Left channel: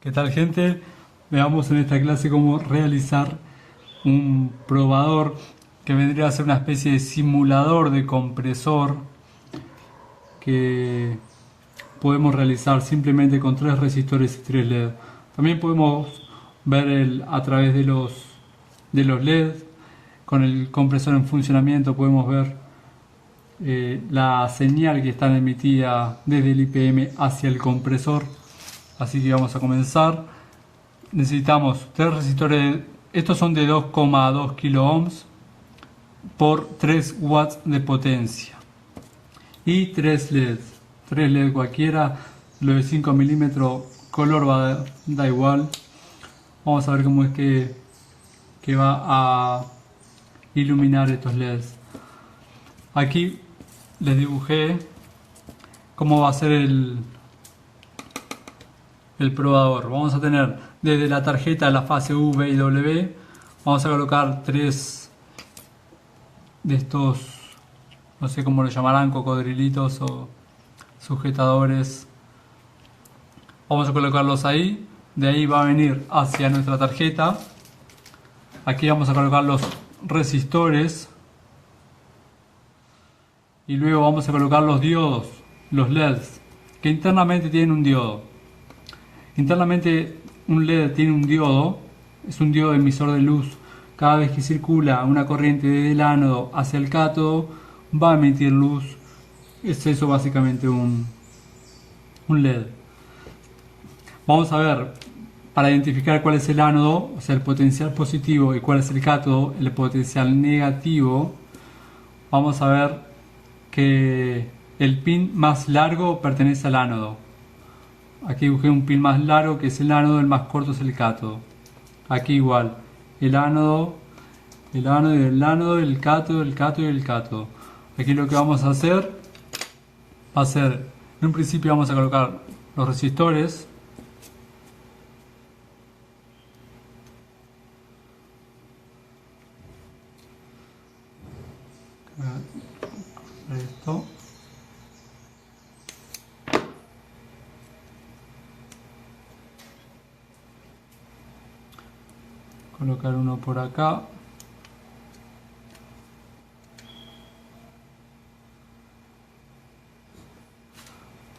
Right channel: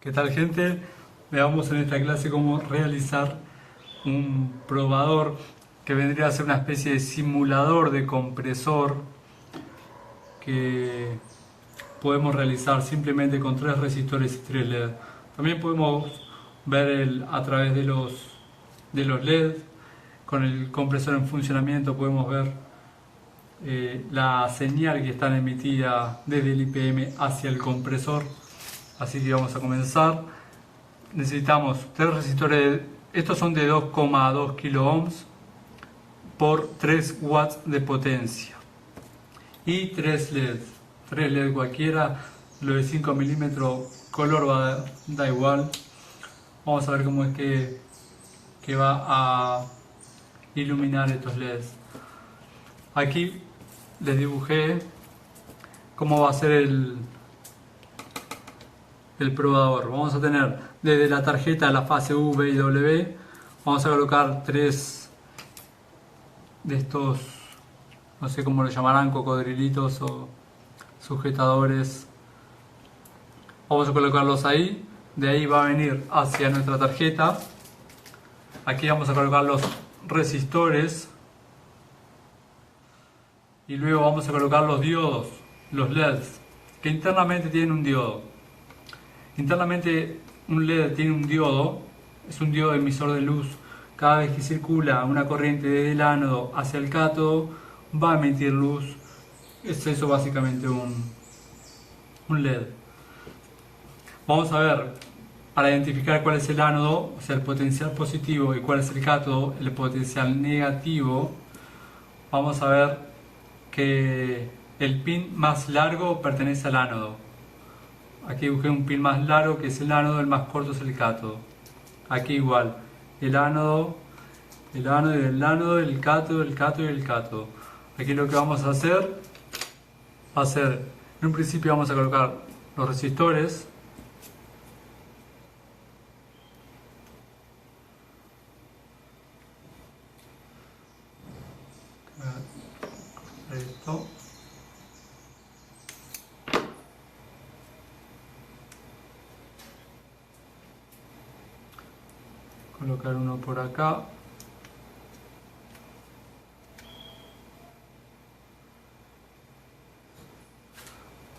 ¿Qué tal, gente? Veamos en esta clase cómo realizar un probador que vendría a ser una especie de simulador de compresor que podemos realizar simplemente con tres resistores y tres LED. También podemos ver a través de los LED, con el compresor en funcionamiento podemos ver la señal que está emitida desde el IPM hacia el compresor. Así que vamos a comenzar. Necesitamos tres resistores, estos son de 2,2 kilo ohms por 3 watts de potencia y 3 LED cualquiera, lo de 5 milímetros, color da igual. Vamos a ver cómo es que va a iluminar estos LEDs. Aquí les dibujé cómo va a ser el probador. Vamos a tener desde la tarjeta la fase U, V y W. Vamos a colocar tres de estos, no sé cómo lo llamarán, cocodrilitos o sujetadores. Vamos a colocarlos ahí. De ahí va a venir hacia nuestra tarjeta. Aquí vamos a colocar los resistores. Y luego vamos a colocar los diodos, los LEDs, que internamente tienen un diodo. Internamente un LED tiene un diodo, es un diodo emisor de luz. Cada vez que circula una corriente del ánodo hacia el cátodo va a emitir luz. Es eso básicamente un LED. Vamos a ver, para identificar cuál es el ánodo, o sea el potencial positivo, y cuál es el cátodo, el potencial negativo, vamos a ver que el pin más largo pertenece al ánodo. Aquí dibujé un pin más largo que es el ánodo, el más corto es el cátodo. Aquí igual, el ánodo, el ánodo, el cátodo y el cátodo. Aquí lo que vamos a hacer va a ser, en un principio vamos a colocar los resistores. Esto. Colocar uno por acá.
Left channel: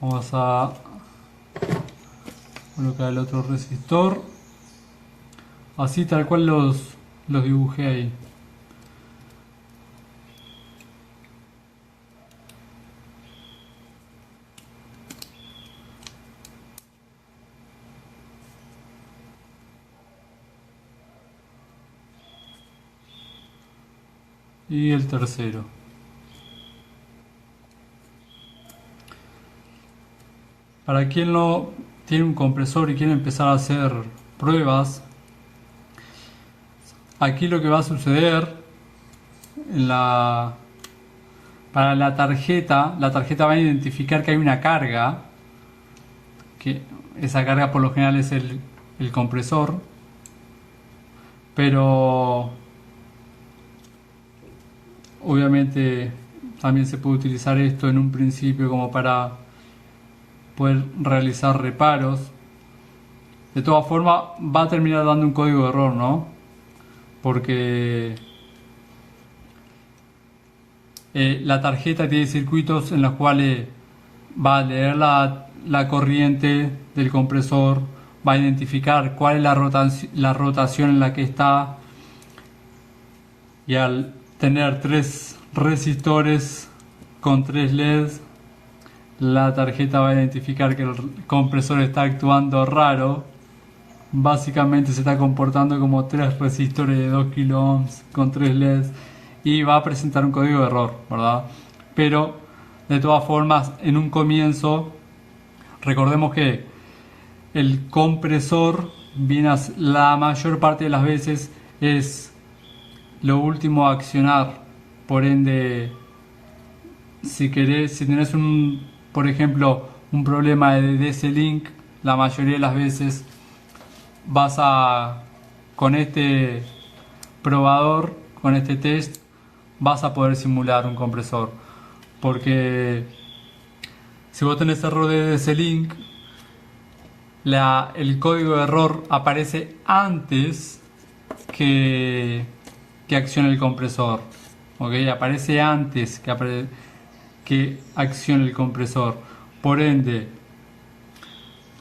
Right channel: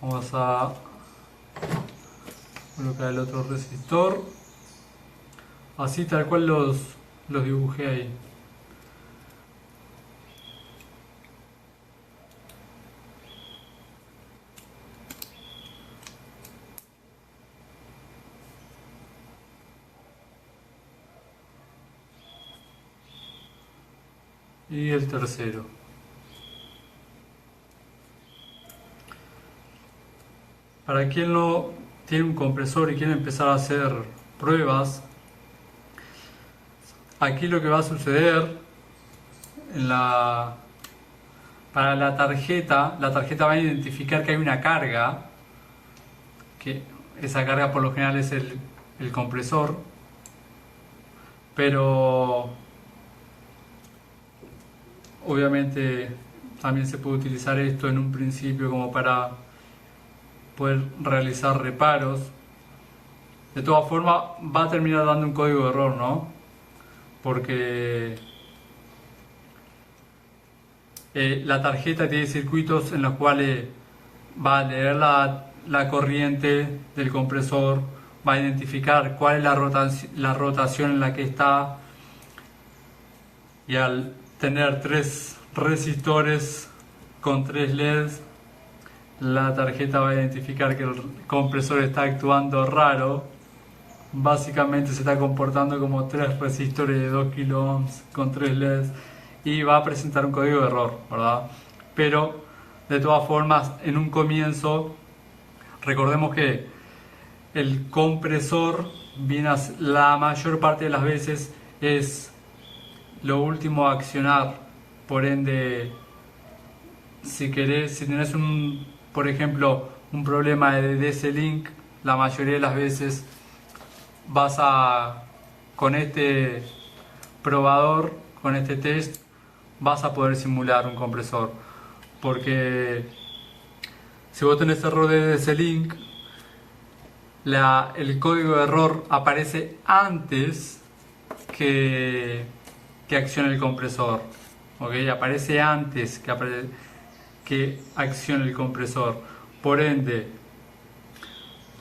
Vamos a colocar el otro resistor. Así tal cual los dibujé ahí. Y el tercero. Para quien no tiene un compresor y quiere empezar a hacer pruebas, aquí lo que va a suceder para la tarjeta va a identificar que hay una carga, que esa carga por lo general es el compresor, pero obviamente también se puede utilizar esto en un principio como para poder realizar reparos. De todas formas va a terminar dando un código de error, ¿no? Porque la tarjeta tiene circuitos en los cuales va a leer la corriente del compresor, va a identificar cuál es la rotación en la que está, y al tener tres resistores con tres LEDs, la tarjeta va a identificar que el compresor está actuando raro. Básicamente se está comportando como tres resistores de 2 kilo ohms con tres LEDs y va a presentar un código de error, ¿verdad? Pero de todas formas, en un comienzo, recordemos que el compresor viene la mayor parte de las veces es lo último a accionar. Por ende, si tenés por ejemplo, un problema de DC-Link, la mayoría de las veces con este probador, con este test, vas a poder simular un compresor. Porque si vos tenés error de DC-Link, el código de error aparece antes que accione el compresor. ¿Ok? Aparece antes que accione el compresor. Por ende,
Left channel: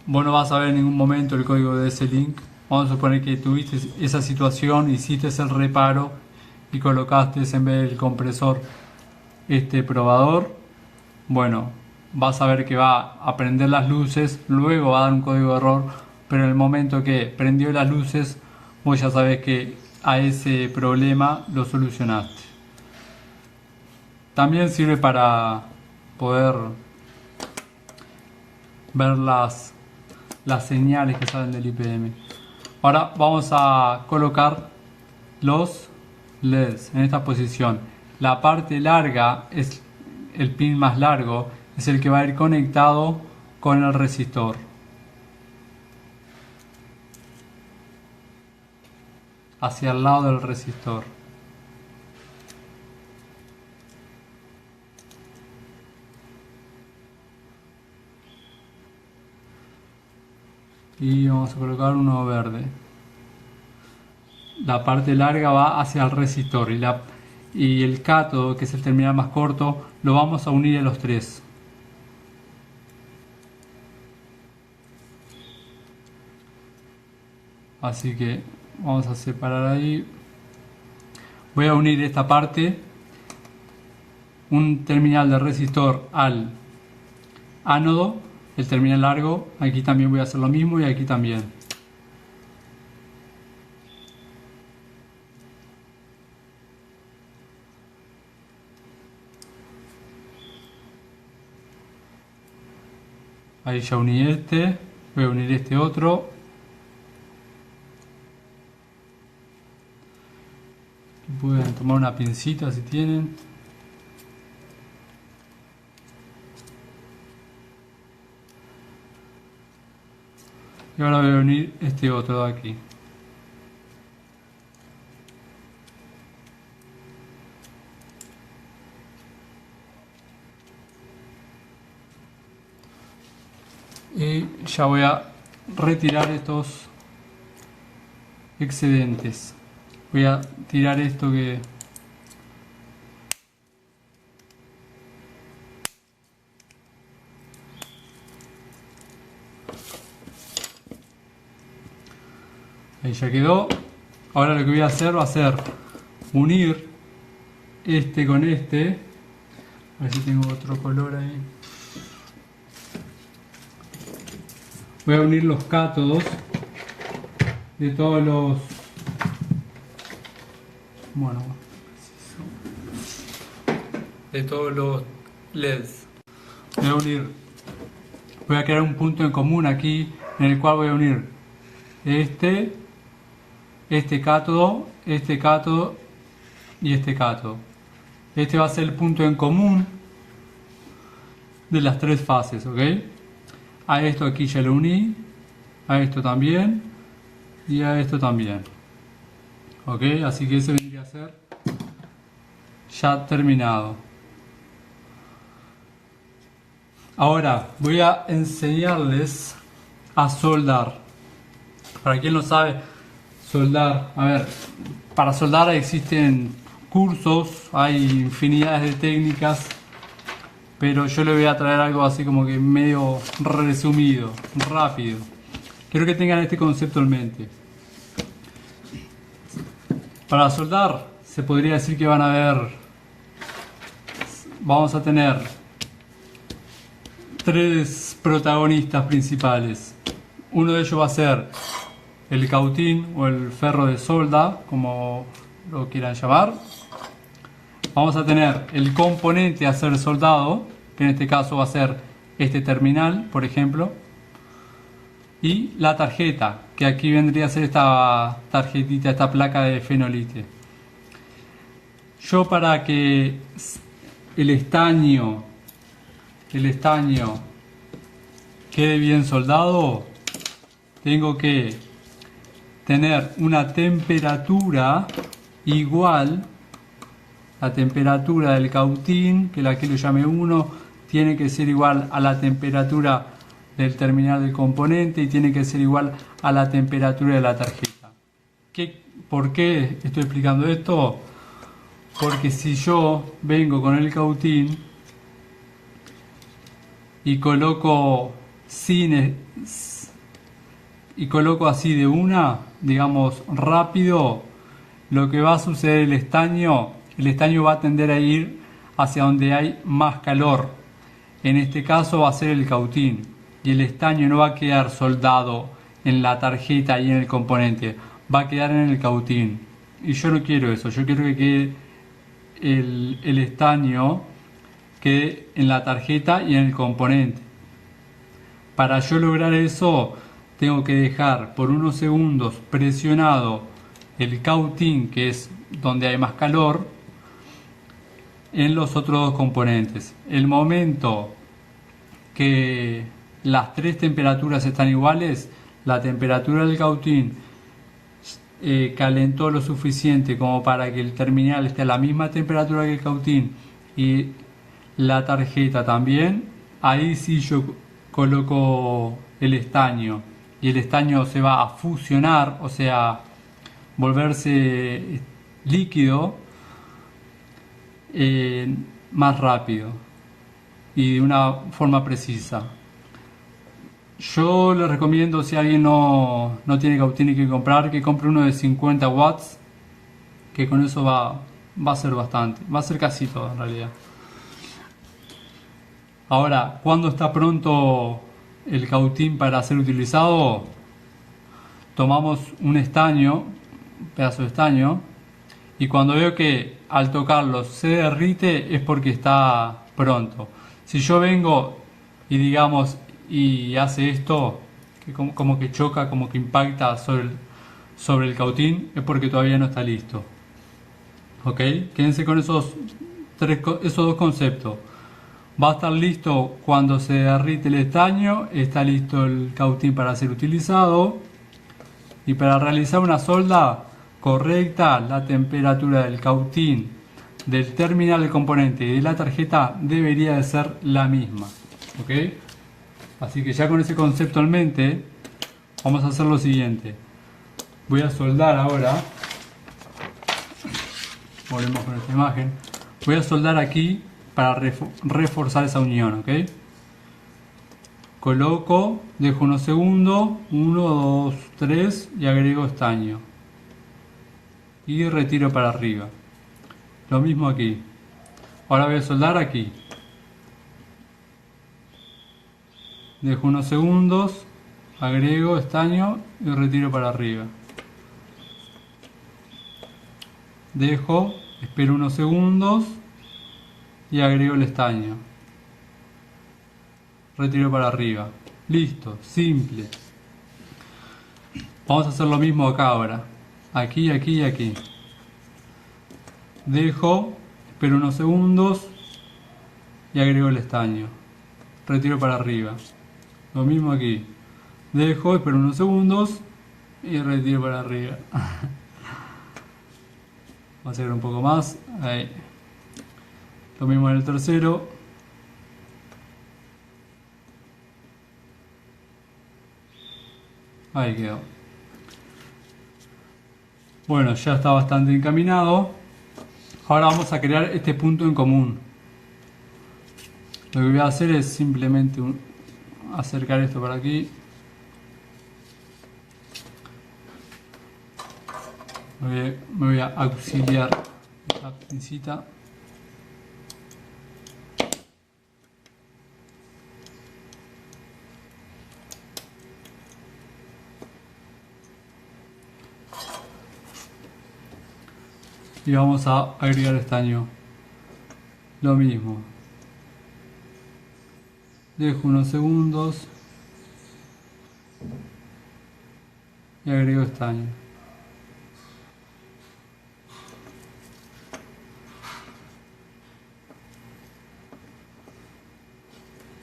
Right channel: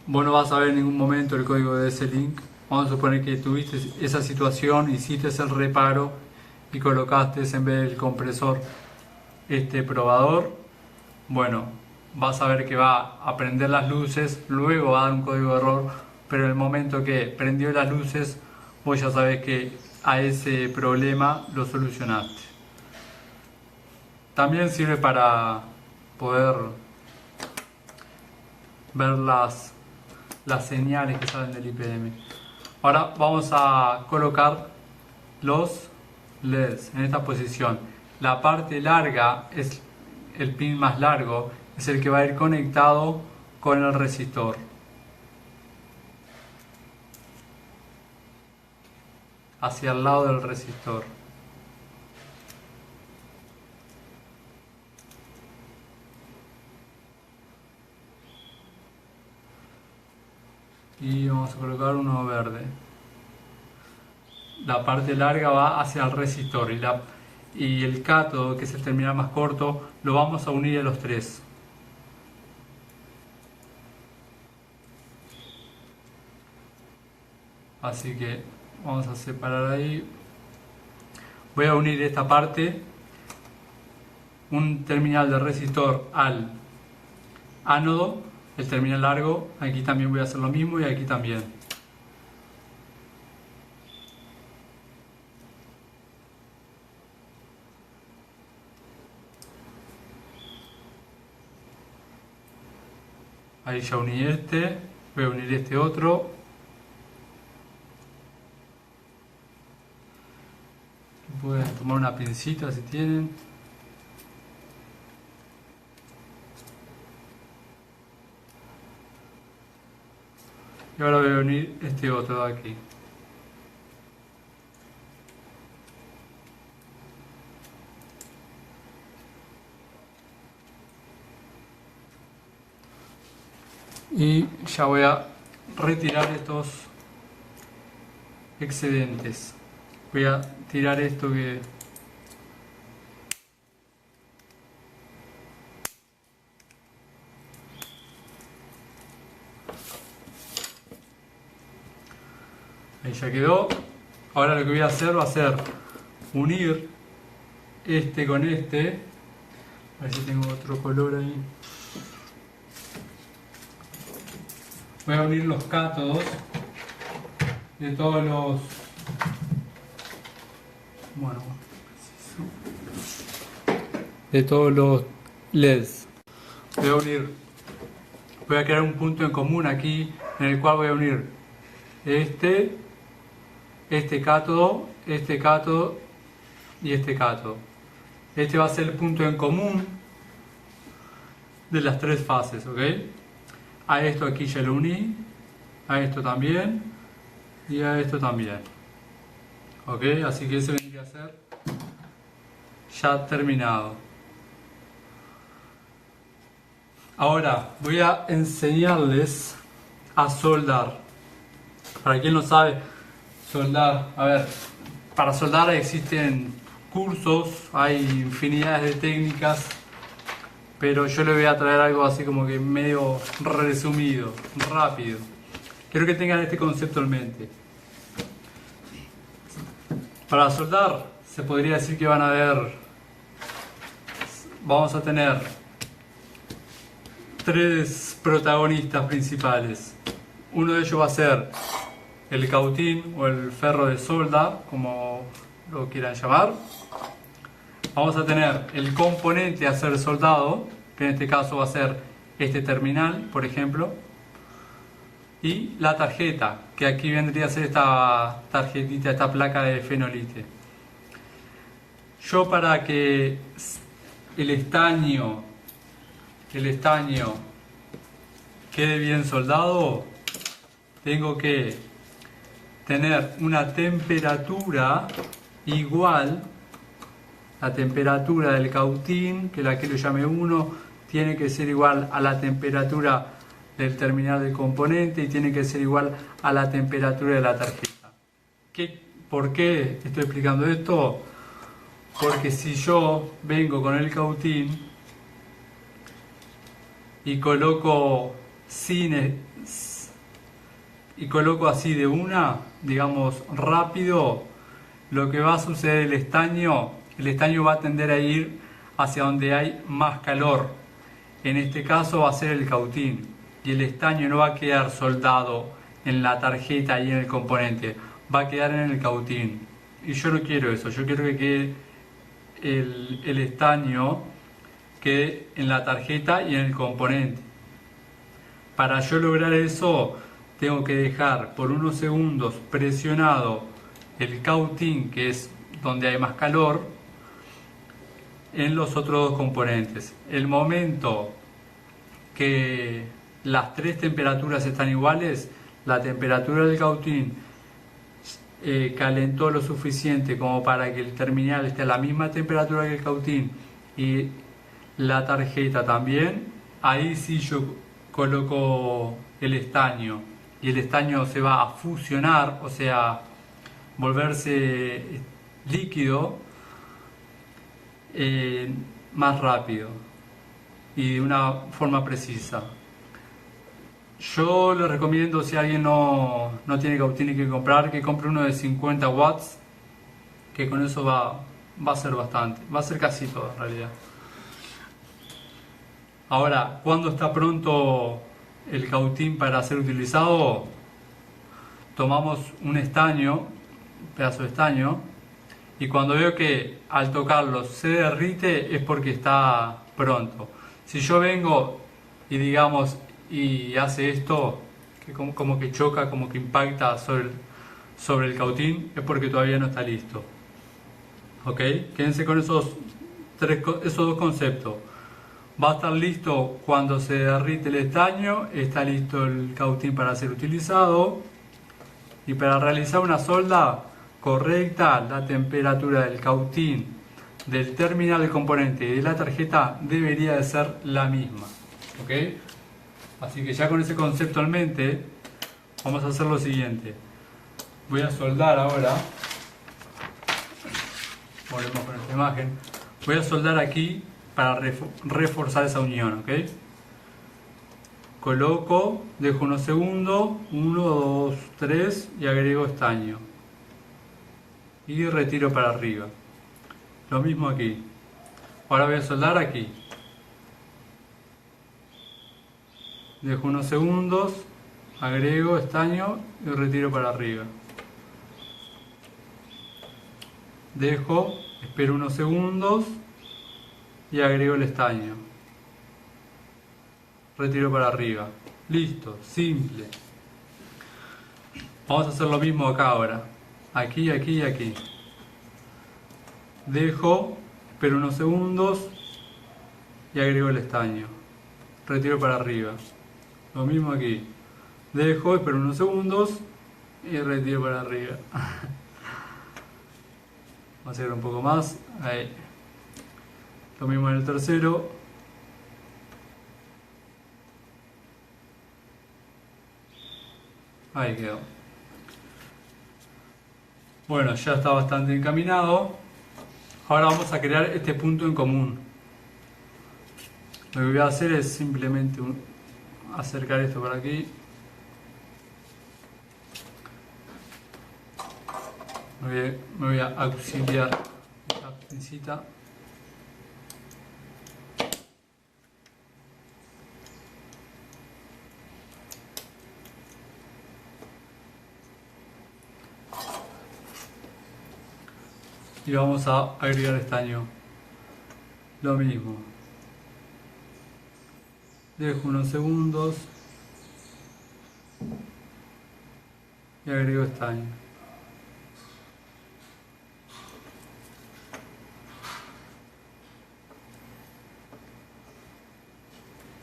vos no vas a ver en ningún momento el código de ese link. Vamos a suponer que tuviste esa situación, hiciste el reparo y colocaste en vez del compresor este probador. Bueno, vas a ver que va a prender las luces, luego va a dar un código de error, pero en el momento que prendió las luces, vos ya sabés que a ese problema lo solucionaste. También sirve para poder ver las señales que salen del IPM. Ahora vamos a colocar los LEDs en esta posición. La parte larga es el pin más largo, es el que va a ir conectado con el resistor. Hacia el lado del resistor. Y vamos a colocar uno verde. La parte larga va hacia el resistor y el cátodo, que es el terminal más corto, lo vamos a unir a los tres. Así que vamos a separar ahí. Voy a unir esta parte, un terminal de resistor al ánodo, el terminal largo. Aquí también voy a hacer lo mismo y aquí también. Ahí ya uní este, voy a unir este otro. Pueden tomar una pincita si tienen. Y ahora voy a unir este otro de aquí. Y ya voy a retirar estos excedentes. Voy a tirar esto que ahí ya quedó. Ahora lo que voy a hacer va a ser unir este con este. A ver si tengo otro color ahí. Voy a unir los cátodos de todos los... Bueno, de todos los LEDs. Voy a crear un punto en común aquí en el cual voy a unir este cátodo y este cátodo. Este va a ser el punto en común de las tres fases, ¿ok? A esto aquí ya lo uní, a esto también y a esto también. Ok, así que ese vendría a ser ya terminado. Ahora voy a enseñarles a soldar. Para quien no sabe soldar, a ver, para soldar existen cursos, hay infinidades de técnicas, pero yo le voy a traer algo así como que medio resumido, rápido. Quiero que tengan este concepto en mente. Para soldar se podría decir que vamos a tener tres protagonistas principales. Uno de ellos va a ser el cautín o el ferro de solda, como lo quieran llamar. Vamos a tener el componente a ser soldado, que en este caso va a ser este terminal, por ejemplo. Y la tarjeta, que aquí vendría a ser esta tarjetita, esta placa de fenolite. Yo, para que el estaño quede bien soldado, tengo que tener una temperatura igual. La temperatura del cautín, que la que lo llame 1, tiene que ser igual a la temperatura del terminal del componente y tiene que ser igual a la temperatura de la tarjeta. ¿Por qué estoy explicando esto? Porque si yo vengo con el cautín y coloco así de una, digamos rápido, lo que va a suceder el estaño va a tender a ir hacia donde hay más calor. En este caso va a ser el cautín y el estaño no va a quedar soldado en la tarjeta y en el componente, va a quedar en el cautín. Y yo no quiero eso, yo quiero que quede el estaño quede en la tarjeta y en el componente. Para yo lograr eso, tengo que dejar por unos segundos presionado el cautín, que es donde hay más calor, en los otros dos componentes. El momento que las tres temperaturas están iguales, la temperatura del cautín calentó lo suficiente como para que el terminal esté a la misma temperatura que el cautín y la tarjeta también, ahí sí yo coloco el estaño y el estaño se va a fusionar, o sea, volverse líquido más rápido y de una forma precisa. Yo le recomiendo, si alguien no tiene cautín y quiere comprar, que compre uno de 50 watts, que con eso va a ser bastante, va a ser casi todo en realidad. Ahora, cuando está pronto el cautín para ser utilizado, tomamos un estaño, un pedazo de estaño, y cuando veo que al tocarlo se derrite es porque está pronto. Si yo vengo y digamos y hace esto, que como que choca, como que impacta sobre el cautín, es porque todavía no está listo. ¿Ok? Quédense con esos dos conceptos. Va a estar listo cuando se derrite el estaño, está listo el cautín para ser utilizado, y para realizar una solda correcta, la temperatura del cautín, del terminal del componente y de la tarjeta debería de ser la misma. ¿Ok? Así que ya con ese concepto en mente, vamos a hacer lo siguiente. Voy a soldar ahora. Volvemos con esta imagen. Voy a soldar aquí para reforzar esa unión. ¿Ok? Coloco, dejo unos segundos, 1, 2, 3 y agrego estaño. Y retiro para arriba. Lo mismo aquí. Ahora voy a soldar aquí. Dejo unos segundos, agrego estaño y retiro para arriba. Dejo, espero unos segundos y agrego el estaño. Retiro para arriba. Listo, simple. Vamos a hacer lo mismo acá ahora. Aquí, aquí y aquí. Dejo, espero unos segundos y agrego el estaño. Retiro para arriba. Lo mismo aquí. Dejo, espero unos segundos y retiro para arriba. Vamos a hacer un poco más. Ahí. Lo mismo en el tercero. Ahí quedó. Bueno, ya está bastante encaminado. Ahora vamos a crear este punto en común. Lo que voy a hacer es simplemente acercar esto para aquí. Me voy a auxiliar la pincita. Y vamos a agregar estaño. Lo mismo. Dejo unos segundos y agrego estaño.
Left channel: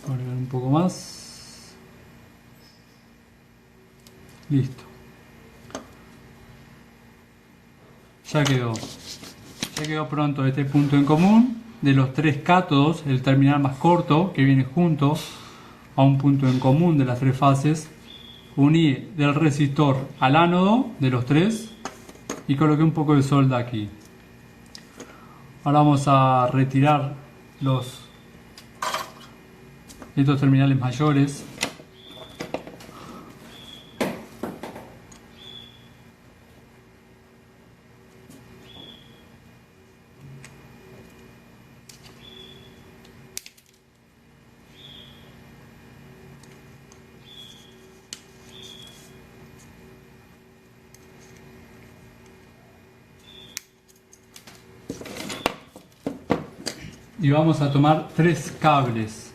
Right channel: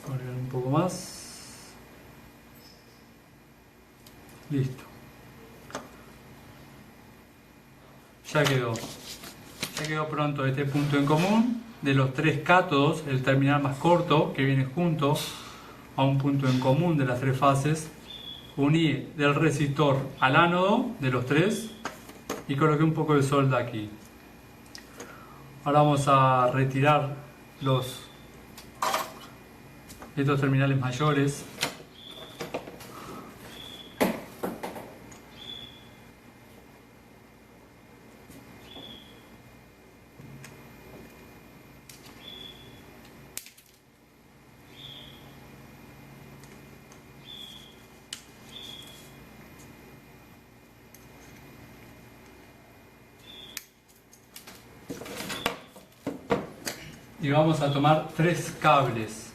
Agregar un poco más. Listo. Ya quedó pronto este punto en común de los tres cátodos, el terminal más corto que viene junto a un punto en común de las tres fases, uní del resistor al ánodo de los tres y coloqué un poco de solda aquí. Ahora vamos a retirar estos terminales mayores. Y vamos a tomar 3 cables.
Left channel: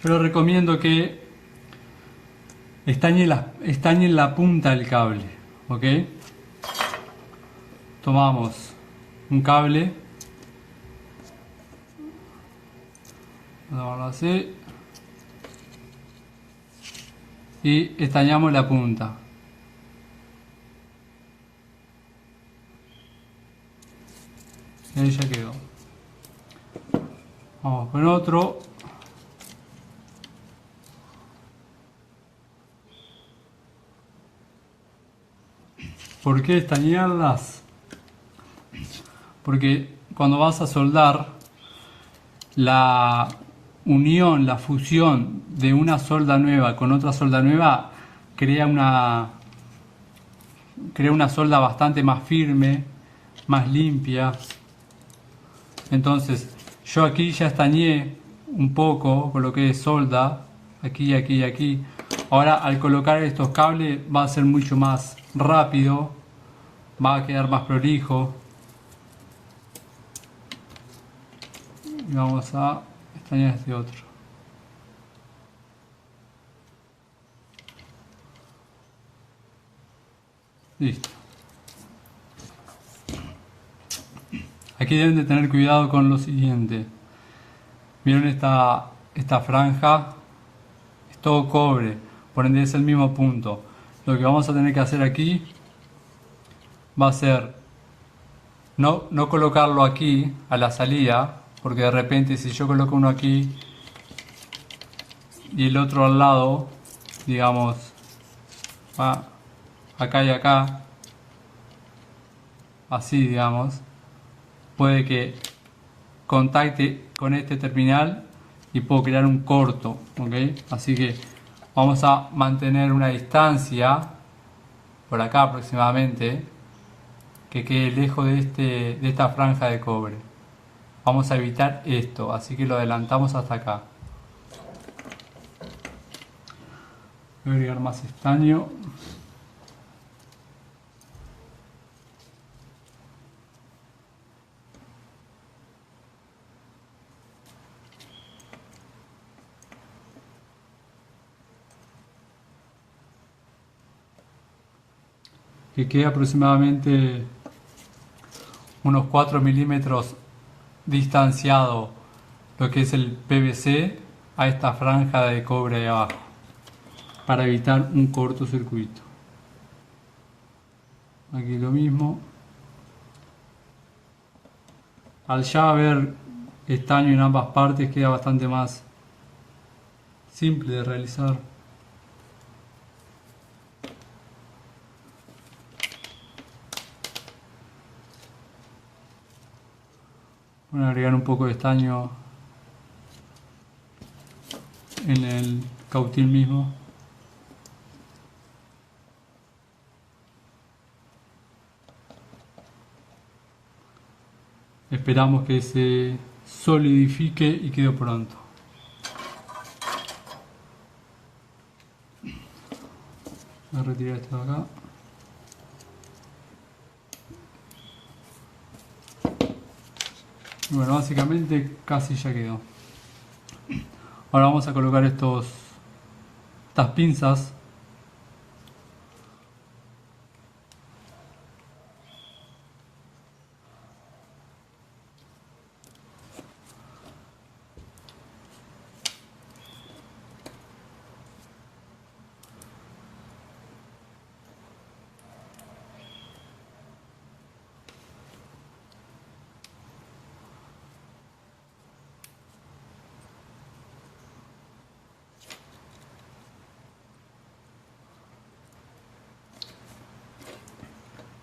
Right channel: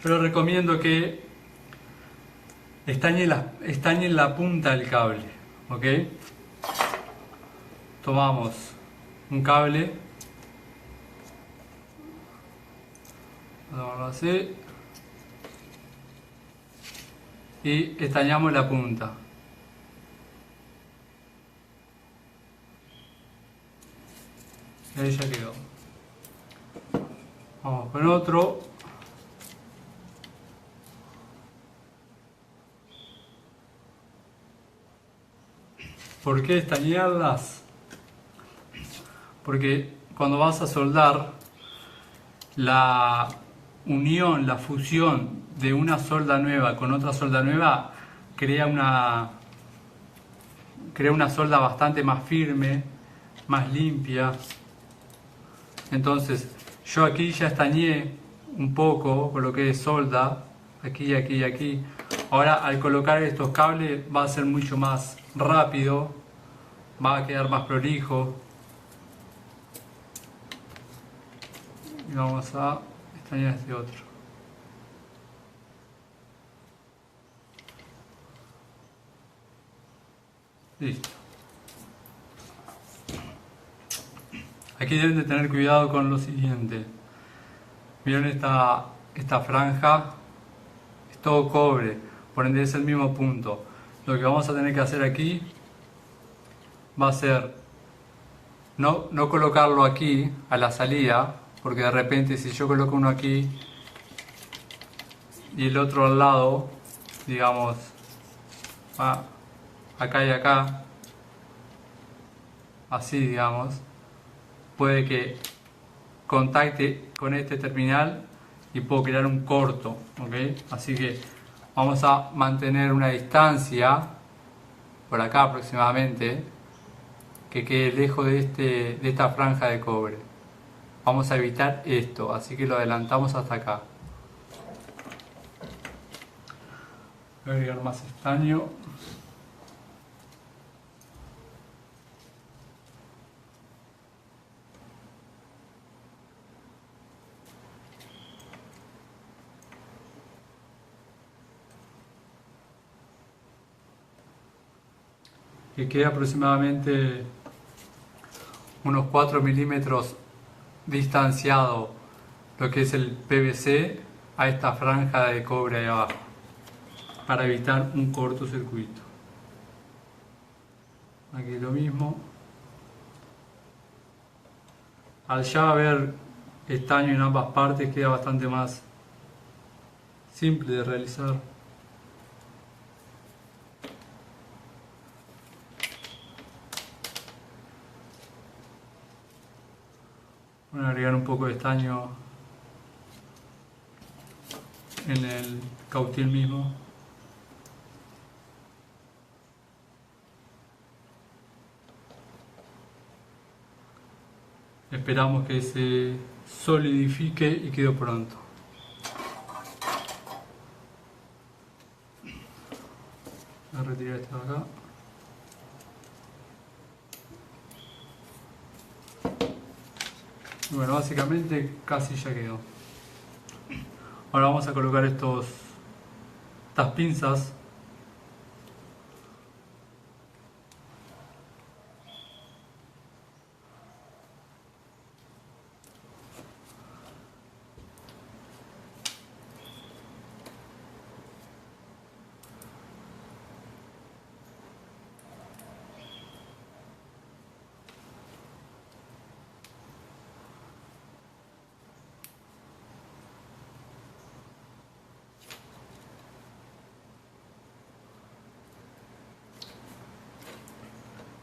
Pero recomiendo que estañen la punta del cable, ¿ok? Tomamos un cable, vamos así, y estañamos la punta. Y ahí ya quedó. Vamos con otro. ¿Por qué estañarlas? Porque cuando vas a soldar, la unión, la fusión de una solda nueva con otra solda nueva crea una solda bastante más firme, más limpia. Entonces, yo aquí ya estañé un poco, coloqué solda, aquí, aquí y aquí. Ahora, al colocar estos cables va a ser mucho más rápido, va a quedar más prolijo. Y vamos a estañar este otro. Listo. Aquí deben de tener cuidado con lo siguiente. Miren esta franja, es todo cobre, por ende es el mismo punto. Lo que vamos a tener que hacer aquí va a ser no colocarlo aquí a la salida, porque de repente si yo coloco uno aquí y el otro al lado, digamos, va acá y acá, así digamos, puede que contacte con este terminal y puedo crear un corto, ¿ok? Así que vamos a mantener una distancia por acá aproximadamente que quede lejos de esta franja de cobre. Vamos a evitar esto, así que lo adelantamos hasta acá. Voy a agregar más estaño. Que quede aproximadamente unos 4 milímetros distanciado lo que es el PVC a esta franja de cobre de abajo, para evitar un cortocircuito. Aquí lo mismo. Al ya haber estaño en ambas partes queda bastante más simple de realizar. Voy a agregar un poco de estaño en el cautil mismo. Esperamos que se solidifique y quede pronto. Voy a retirar esto de acá. Y bueno, básicamente casi ya quedó. Ahora vamos a colocar estas pinzas.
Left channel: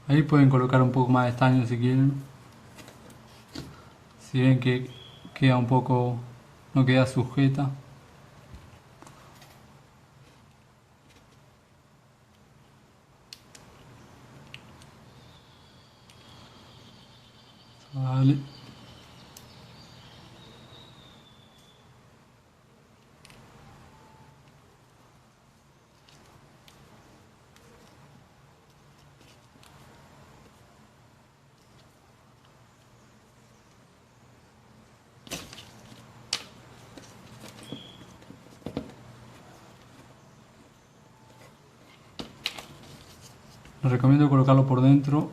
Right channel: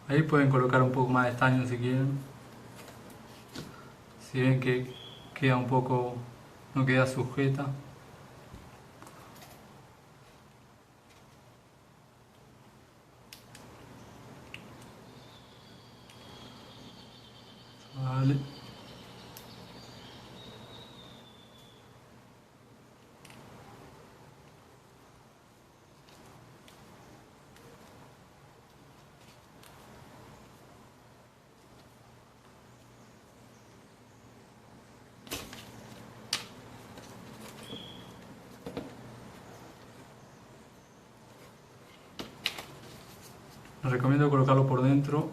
Ahí pueden colocar un poco más de estaño si quieren. Si ven que queda un poco, no queda sujeta. Vale. Les recomiendo colocarlo por dentro.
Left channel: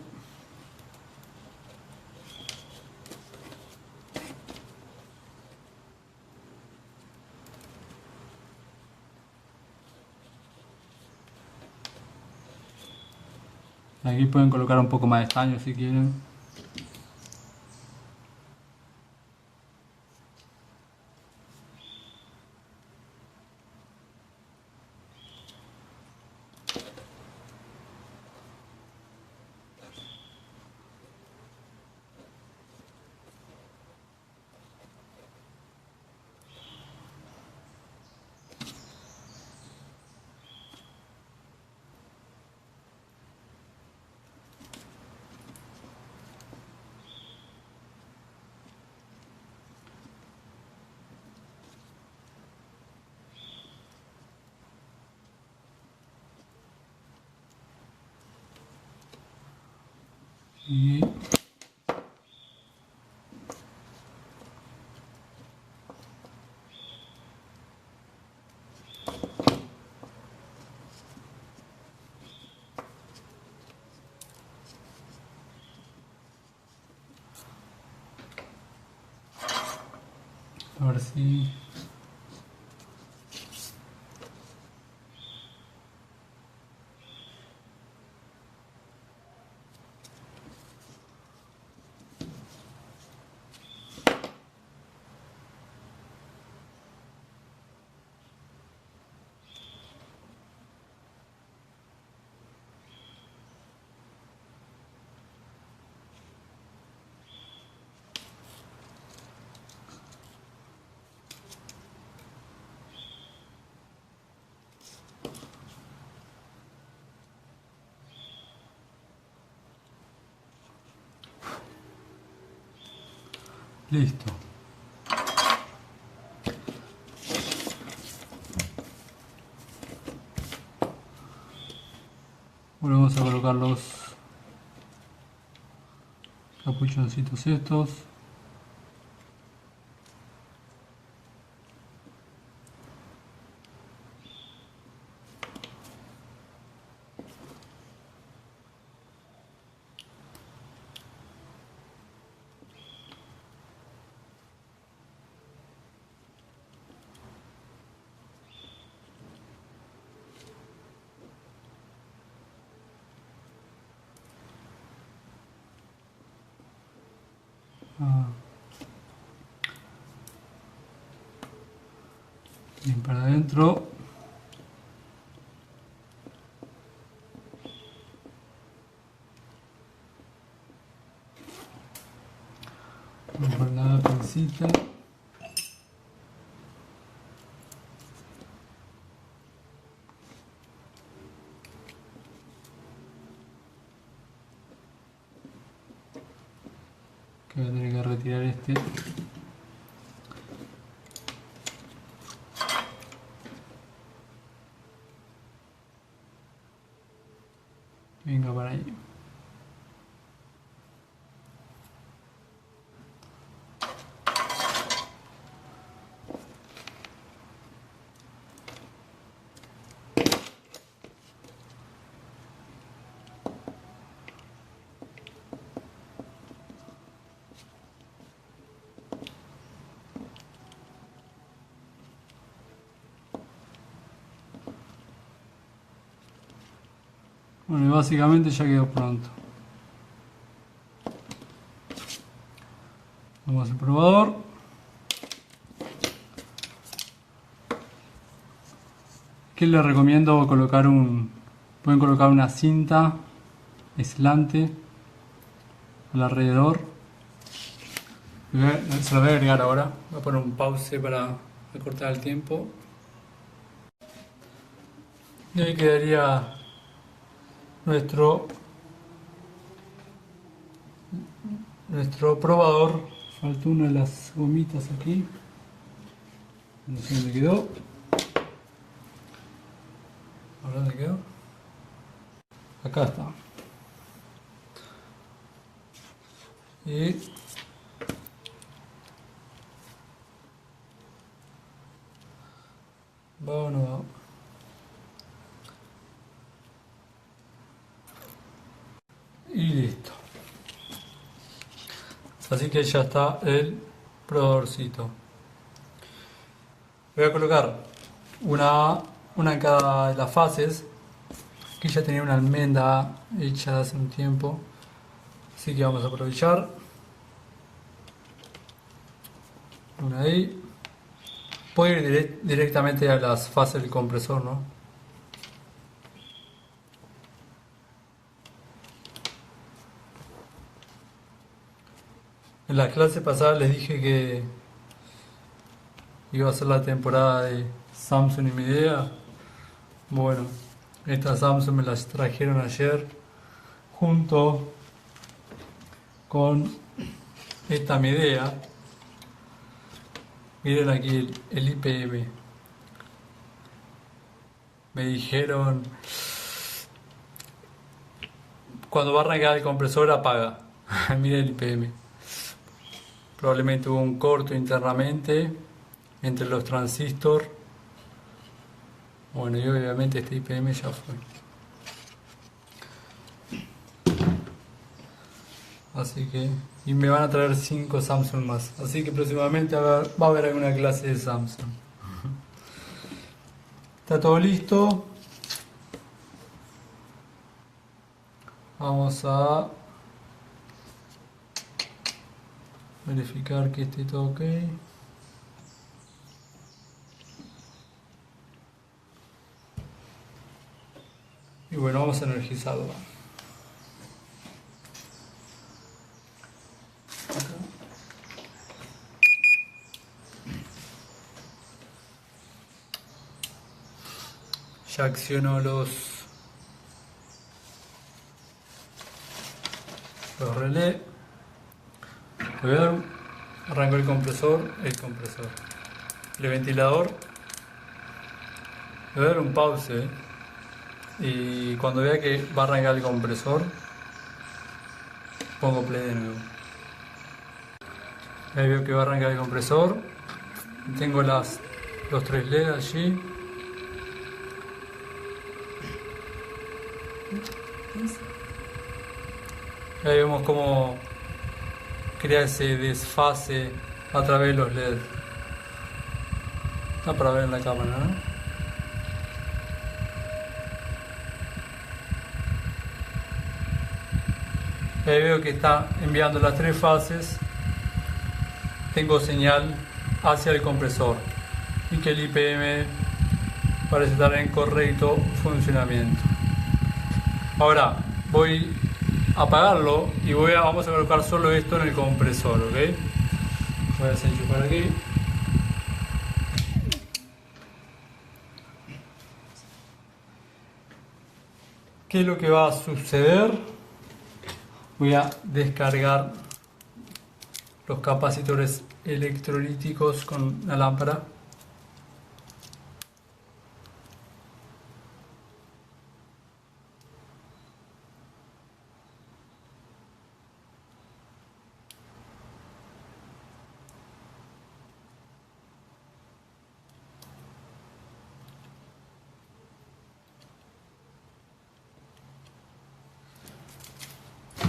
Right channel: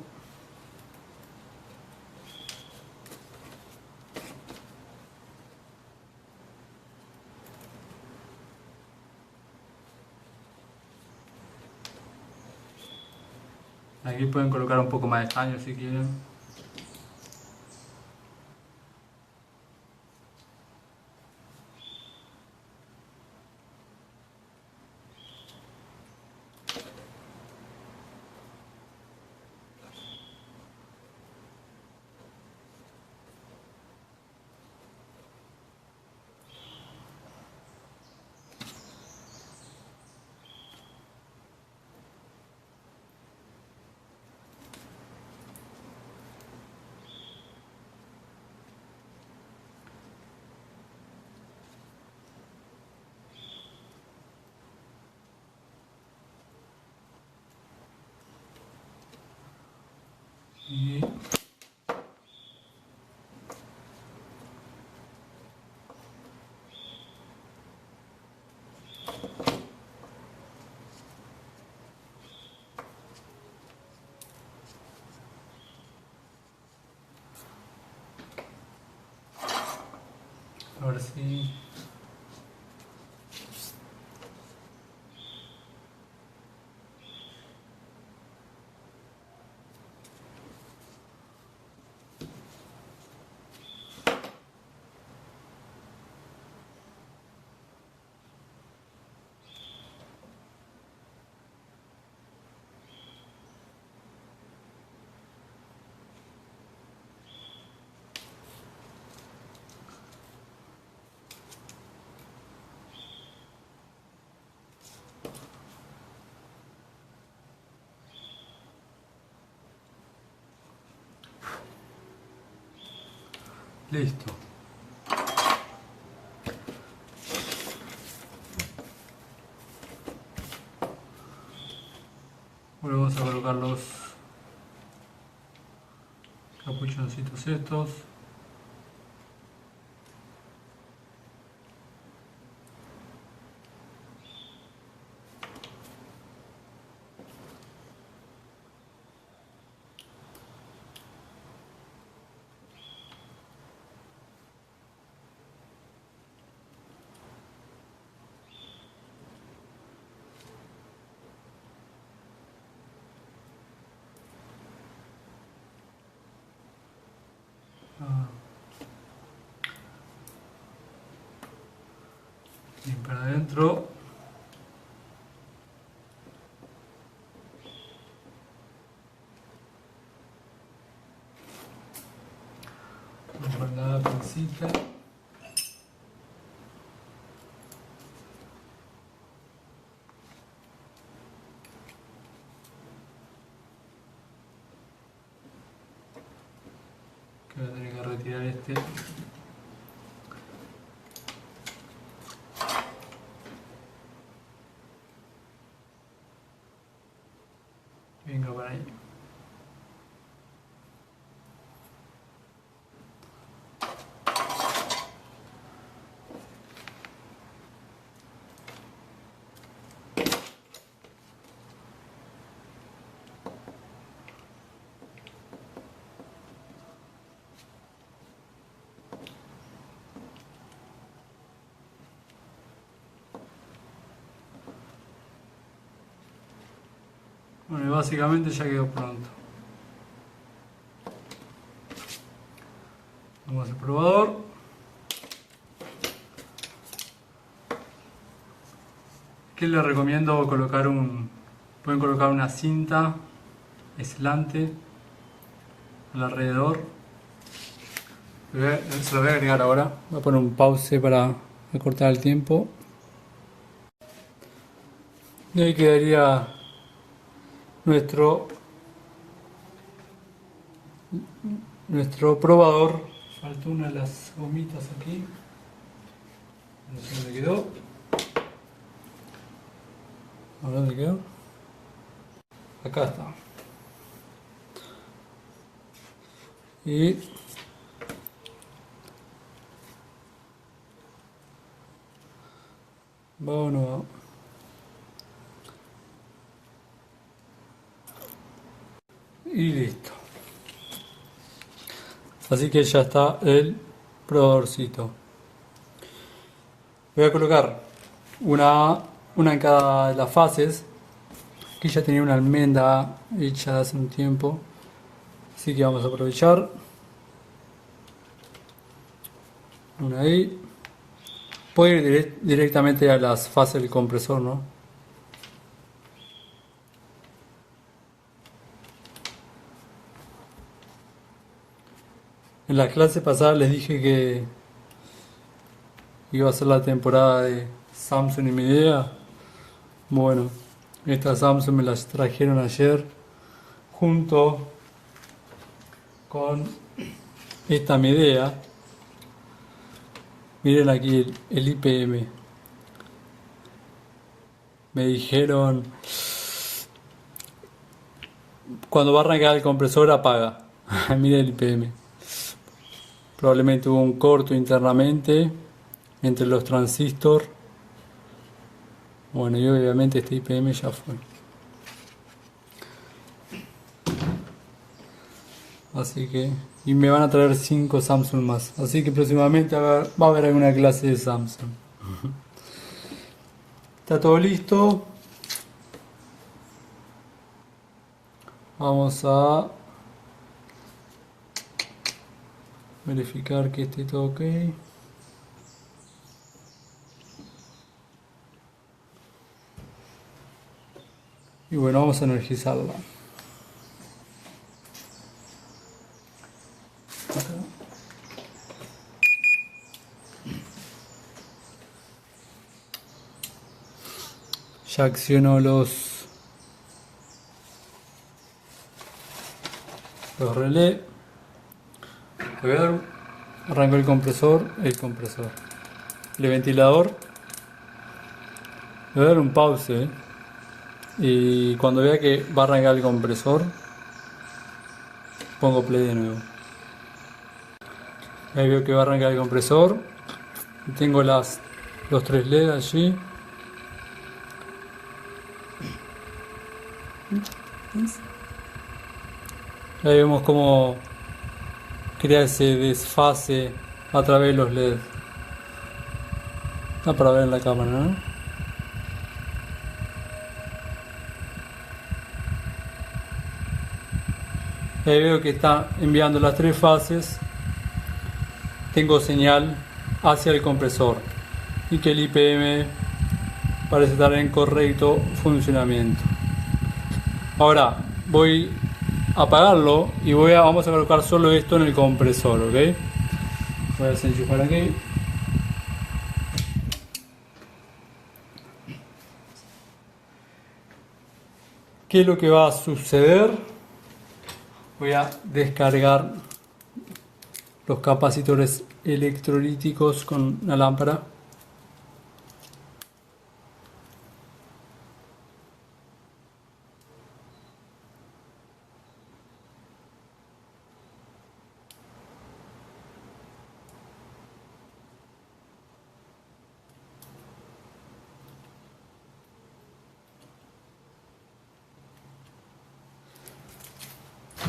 Aquí pueden colocar un poco más de estaño si quieren. Y ahora sí. Listo. Volvemos a colocar los capuchoncitos estos. Bien para adentro. Vamos a guardar la pancita. Que voy a tener que retirar este. Venga para ahí. Bueno, y básicamente ya quedó pronto. Vamos al probador. ¿Qué les recomiendo? Pueden colocar una cinta aislante alrededor. Se lo voy a agregar ahora. Voy a poner un pause para recortar el tiempo. Y ahí quedaría nuestro probador. Faltó una de las gomitas aquí. ¿Dónde quedó? A ver dónde quedó. Acá está. Y bueno, y listo. Así que ya está el probadorcito. Voy a colocar una en cada de las fases. Aquí ya tenía una almendra hecha hace un tiempo, así que vamos a aprovechar. Una ahí. Puedo ir directamente a las fases del compresor, ¿no? En la clase pasada les dije que iba a ser la temporada de Samsung y Midea. Bueno, estas Samsung me las trajeron ayer junto con esta Midea. Miren aquí el IPM. Me dijeron, cuando va a arrancar el compresor apaga. Miren el IPM. Probablemente hubo un corto internamente entre los transistores. Bueno, y obviamente este IPM ya fue. Así que, y me van a traer 5 Samsung más. Así que próximamente va a haber alguna clase de Samsung. Está todo listo. Vamos a verificar que esté todo ok. Y bueno, vamos a energizarla. Ya acciono los relés. Le voy a dar, arranco el compresor, el ventilador. Le voy a dar un pause y cuando vea que va a arrancar el compresor pongo play de nuevo. Ahí veo que va a arrancar el compresor. Tengo los 3 LED allí. Ahí vemos cómo crea ese desfase a través de los LED. Está para ver en la cámara, ¿no? Ahí veo que está enviando las 3 fases. Tengo señal hacia el compresor y que el IPM parece estar en correcto funcionamiento. Ahora voy a apagarlo y vamos a colocar solo esto en el compresor, ¿ok? Voy a desenchufar aquí. ¿Qué es lo que va a suceder? Voy a descargar los capacitores electrolíticos con la lámpara.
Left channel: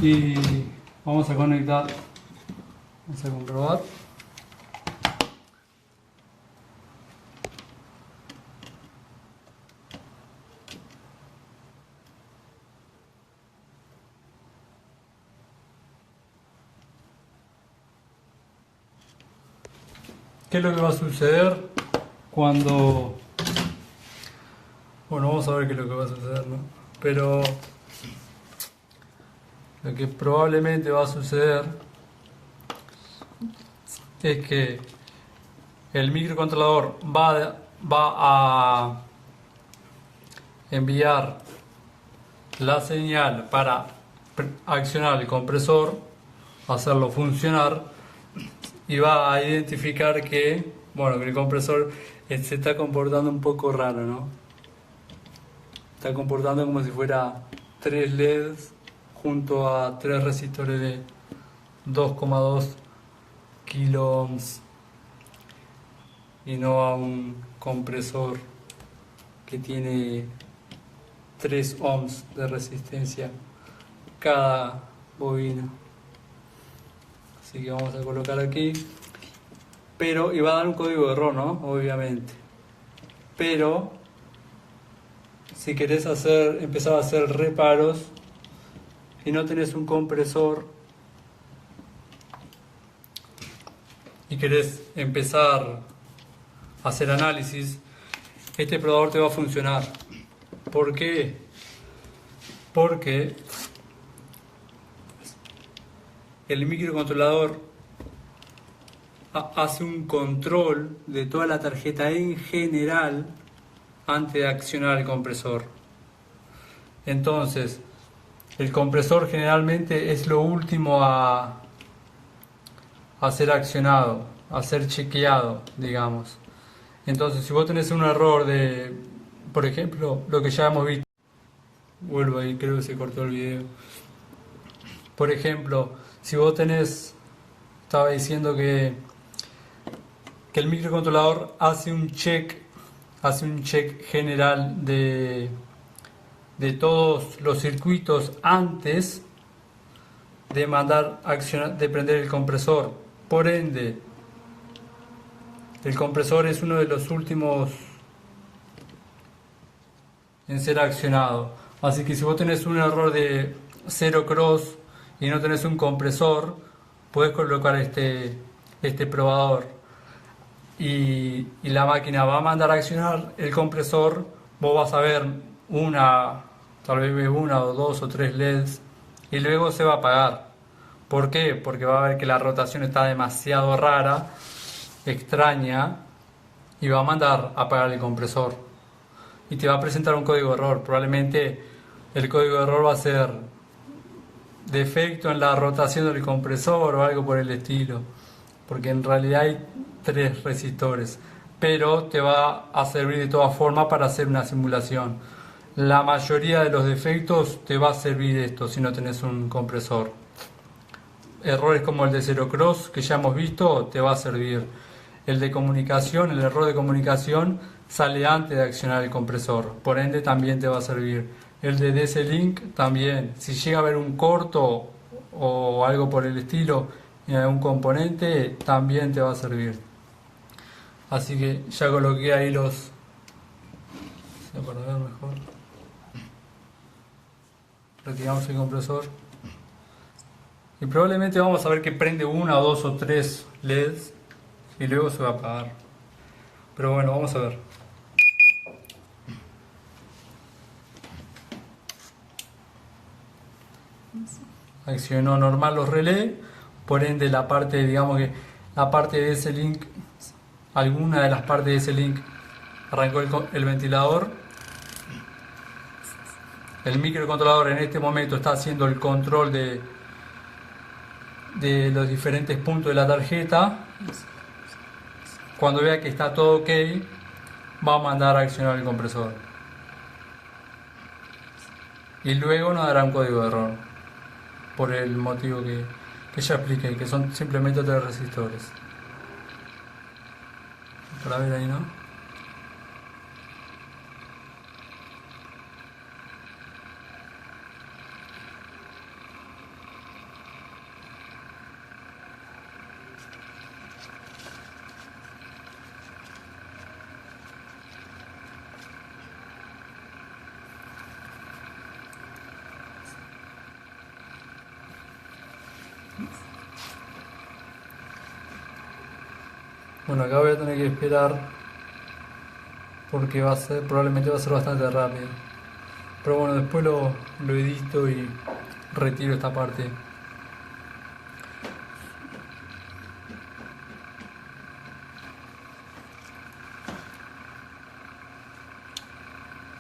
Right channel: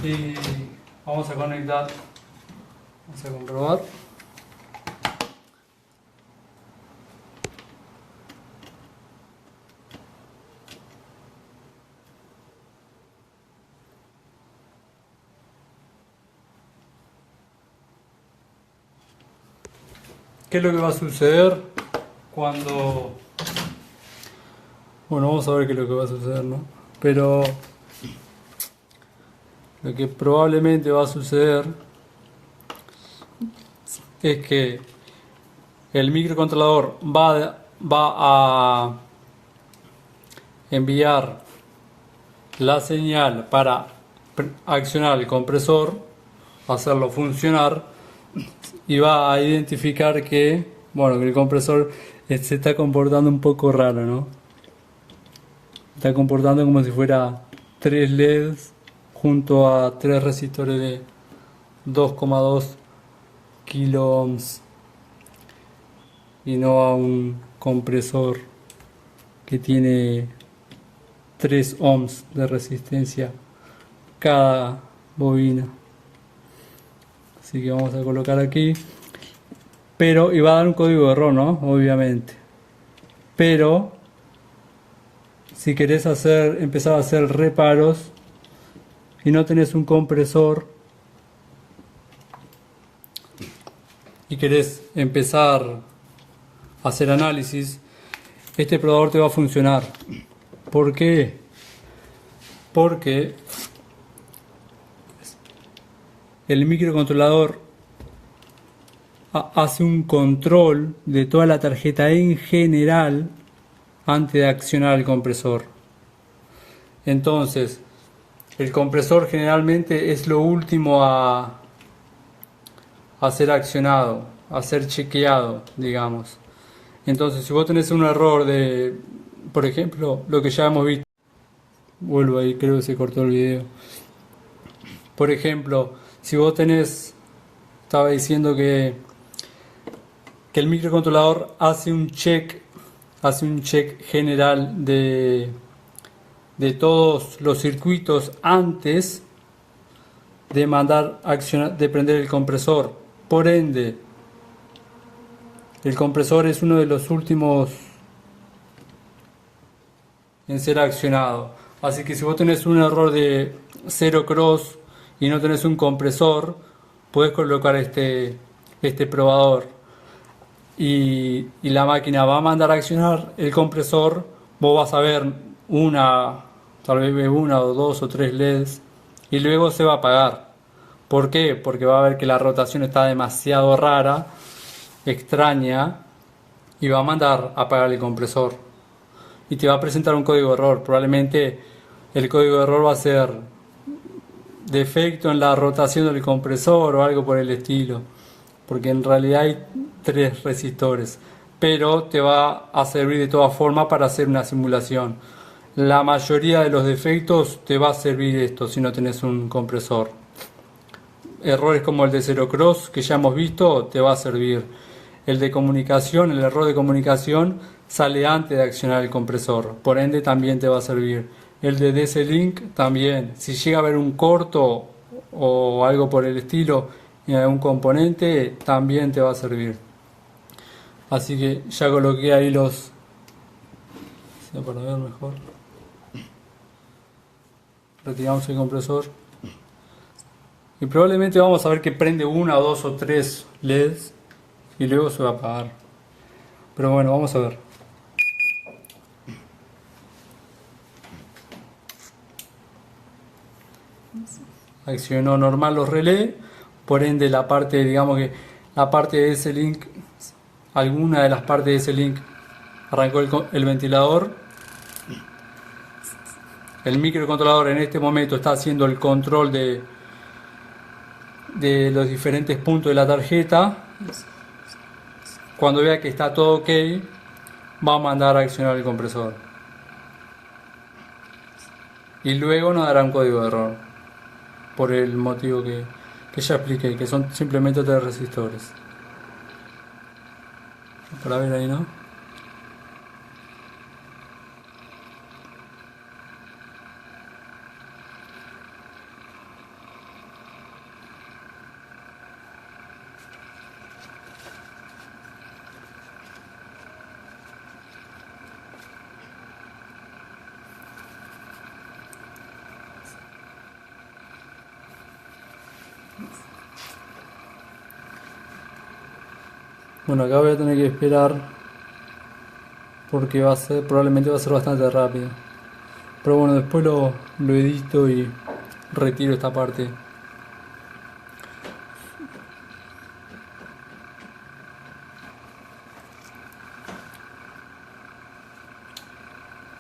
Y vamos a conectar, vamos a comprobar. ¿Qué es lo que va a suceder cuando... Bueno, vamos a ver qué es lo que va a suceder, ¿no? Pero lo que probablemente va a suceder es que el microcontrolador va a enviar la señal para accionar el compresor, hacerlo funcionar, y va a identificar que, bueno, que el compresor se está comportando un poco raro, ¿no? Está comportando como si fuera 3 LEDs junto a 3 resistores de 2,2 kilo ohms y no a un compresor que tiene 3 ohms de resistencia cada bobina. Así que vamos a colocar aquí, pero y va a dar un código de error, ¿no? Obviamente, pero si querés empezar a hacer reparos y no tenés un compresor y querés empezar a hacer análisis, este probador te va a funcionar. ¿Por qué? Porque el microcontrolador hace un control de toda la tarjeta en general antes de accionar el compresor. Entonces, el compresor generalmente es lo último a ser accionado, a ser chequeado, digamos. Entonces, si vos tenés un error de, por ejemplo, lo que ya hemos visto, vuelvo ahí, creo que se cortó el video. Por ejemplo, si vos estaba diciendo que el microcontrolador hace un check general de todos los circuitos antes de de prender el compresor. Por ende, el compresor es uno de los últimos en ser accionado. Así que si vos tenés un error de 0 cross y no tenés un compresor, puedes colocar este probador y la máquina va a mandar a accionar el compresor. Vos vas a ver tal vez una o dos o tres LEDs y luego se va a apagar. ¿Por qué? Porque va a ver que la rotación está demasiado rara, extraña, y va a mandar a apagar el compresor y te va a presentar un código de error. Probablemente el código de error va a ser defecto en la rotación del compresor o algo por el estilo, porque en realidad hay 3 resistores, pero te va a servir de todas formas para hacer una simulación. La mayoría de los defectos te va a servir esto si no tenés un compresor. Errores como el de 0 cross que ya hemos visto te va a servir. El error de comunicación sale antes de accionar el compresor, por ende también te va a servir. El de DC-Link también, si llega a haber un corto o algo por el estilo en algún componente, también te va a servir. Así que ya coloqué ahí para ver mejor. Retiramos el compresor y probablemente vamos a ver que prende 1, 2 o 3 LEDs y luego se va a apagar. Pero bueno, vamos a ver. Accionó normal los relés, por ende la parte, digamos que la parte de ese link, alguna de las partes de ese link arrancó el ventilador. El microcontrolador en este momento está haciendo el control de los diferentes puntos de la tarjeta. Cuando vea que está todo ok, va a mandar a accionar el compresor y luego nos dará un código de error por el motivo que ya expliqué, que son simplemente 3 resistores. Para ver ahí, ¿no? Bueno, acá voy a tener que esperar porque probablemente va a ser bastante rápido. Pero bueno, después lo edito y retiro esta parte.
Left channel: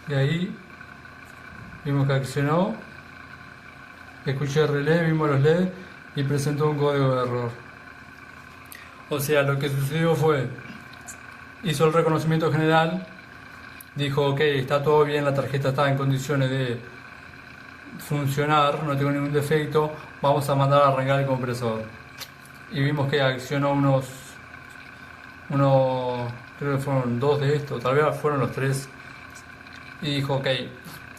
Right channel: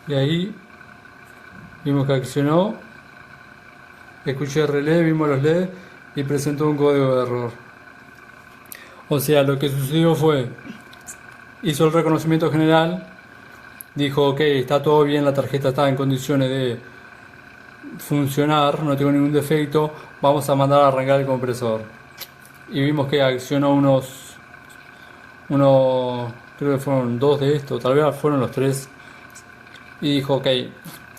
Y ahí vimos que accionó, escuché el relé, vimos los LEDs y presentó un código de error. O sea, lo que sucedió fue, hizo el reconocimiento general, dijo ok, está todo bien, la tarjeta está en condiciones de funcionar, no tengo ningún defecto, vamos a mandar a arrancar el compresor. Y vimos que accionó creo que fueron 2 de estos, tal vez fueron los 3. Y dijo ok,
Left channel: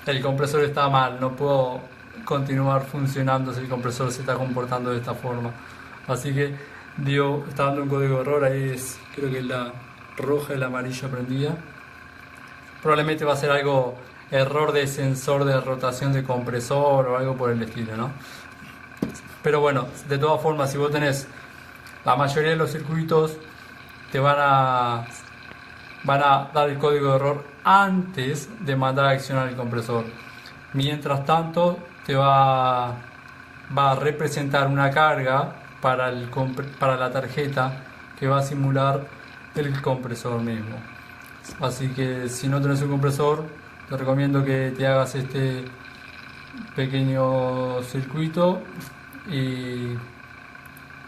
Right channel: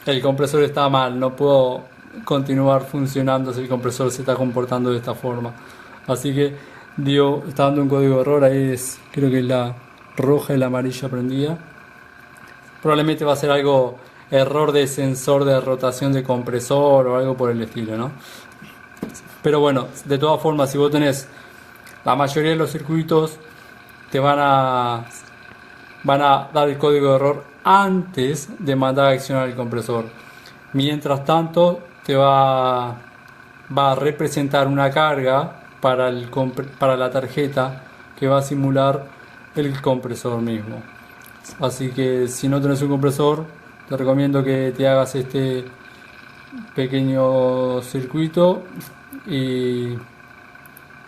el compresor está mal, no puedo continuar funcionando si el compresor se está comportando de esta forma. Así que está dando un código de error, ahí creo que la roja y la amarilla prendida. Probablemente va a ser algo, error de sensor de rotación de compresor o algo por el estilo, ¿no? Pero bueno, de todas formas, si vos tenés la mayoría de los circuitos, te van a dar el código de error antes de mandar a accionar el compresor. Mientras tanto, te va a representar una carga para la tarjeta que va a simular el compresor mismo. Así que si no tenés un compresor, te recomiendo que te hagas este pequeño circuito y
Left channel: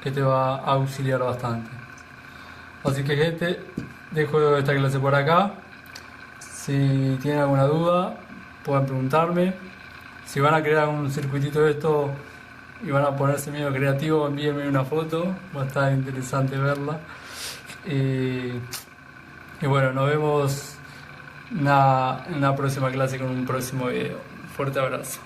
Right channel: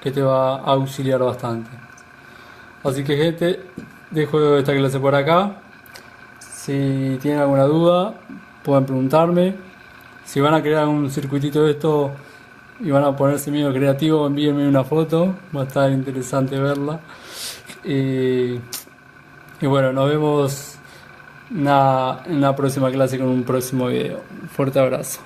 que te va a auxiliar bastante. Así que gente, dejo esta clase por acá. Si tienen alguna duda, pueden preguntarme. Si van a crear un circuitito de esto y van a ponerse medio creativo, envíenme una foto, va a estar interesante verla. Y bueno, nos vemos en la próxima clase con un próximo video. Fuerte abrazo.